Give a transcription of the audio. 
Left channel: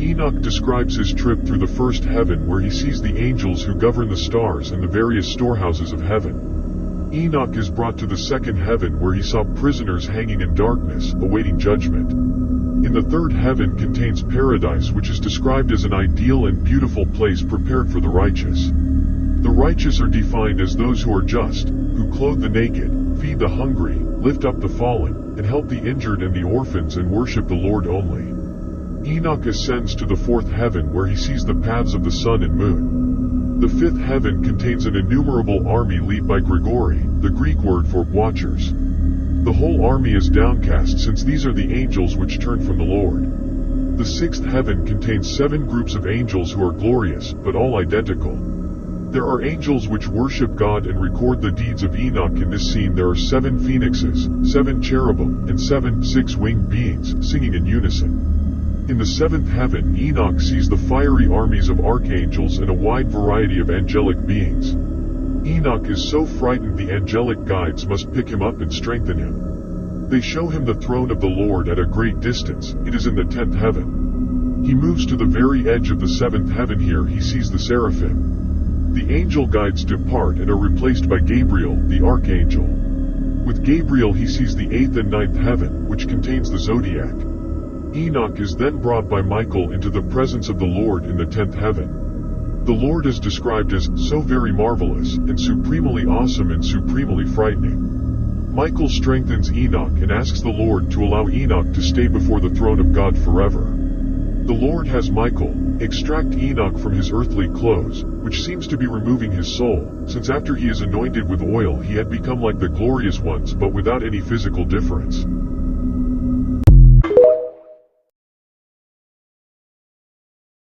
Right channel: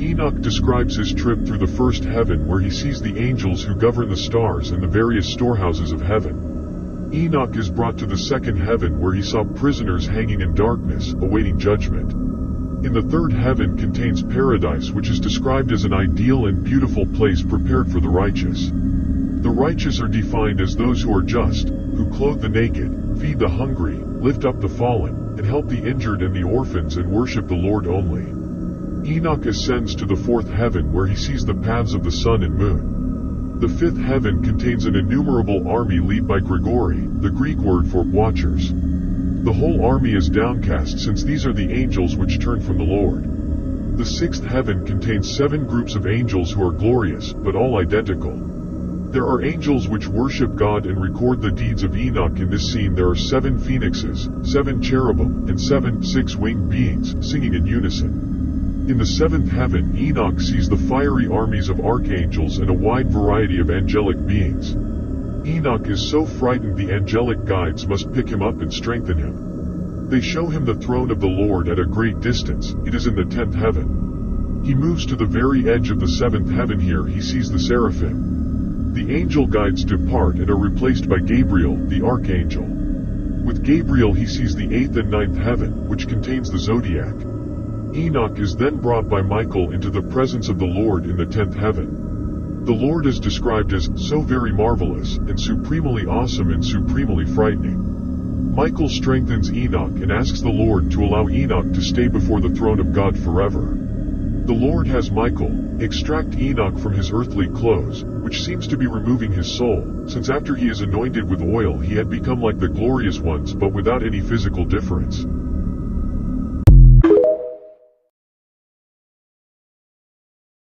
Enoch describes his trip through the first heaven where he sees the angels who govern the stars and the various storehouses of heaven. Enoch is brought to the second heaven where he saw prisoners hanging in darkness, awaiting judgment. In the third heaven contains paradise, which is described as an ideal and beautiful place prepared for the righteous. The righteous are defined as those who are just, who clothe the naked, feed the hungry, lift up the fallen, and help the injured and the orphans and worship the Lord only. Enoch ascends to the fourth heaven where he sees the paths of the sun and moon. The fifth heaven contains an innumerable army led by Grigori, the Greek word for watchers. The whole army is downcast since these are the angels which turn from the Lord. The sixth heaven contains 7 groups of angels who are glorious, but all identical. There are angels which worship God and record the deeds of Enoch. In this scene there are 7 phoenixes, 7 cherubim, and 7 six-winged beings, singing in unison. In the seventh heaven, Enoch sees the fiery armies of archangels and a wide variety of angelic beings. Enoch is so frightened the angelic guides must pick him up and strengthen him. They show him the throne of the Lord at a great distance. It is in the 10th heaven. He moves to the very edge of the 7th heaven. Here he sees the seraphim. The angel guides depart and are replaced by Gabriel, the archangel. With Gabriel he sees the 8th and 9th heaven, which contains the zodiac. Enoch is then brought by Michael into the presence of the Lord in the 10th heaven. The Lord is described as so very marvelous, and supremely awesome and supremely frightening. Michael strengthens Enoch and asks the Lord to allow Enoch to stay before the throne of God forever. The Lord has Michael extract Enoch from his earthly clothes, which seems to be removing his soul, since after he is anointed with oil he had become like the glorious ones but without any physical difference.